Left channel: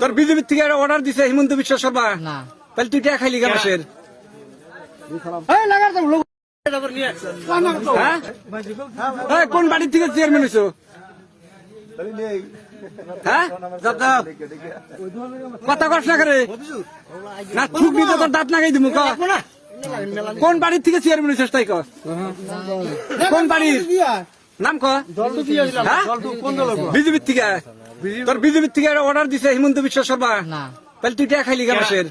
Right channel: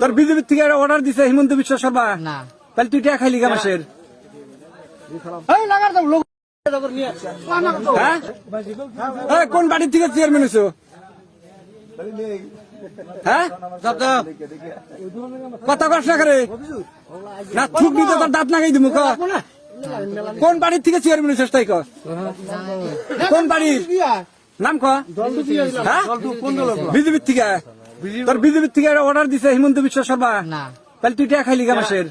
তোর বিজেপির থেকে অর্ডার দিছে হিমন্ত বিশ্ব শর্মা না তাহলে তুই টাকা খাইলি মানুষের কোন বাড়ির থেকে চেয়ারম্যান হইছো হ্যাঁ কথা কস না করে না খুব দিতে তোর দাঁত লাগাই দিমু কোন বাড়ির থেকে চেয়ারম্যান হইছিস তাই কর কোন বাড়ির নাম ক বিজেপির থেকে তোর বিজেপির থেকে অর্ডার দিছে হিমন্ত বিশ্ব শর্মা না তাহলে তুই টাকা খাইলি মানুষের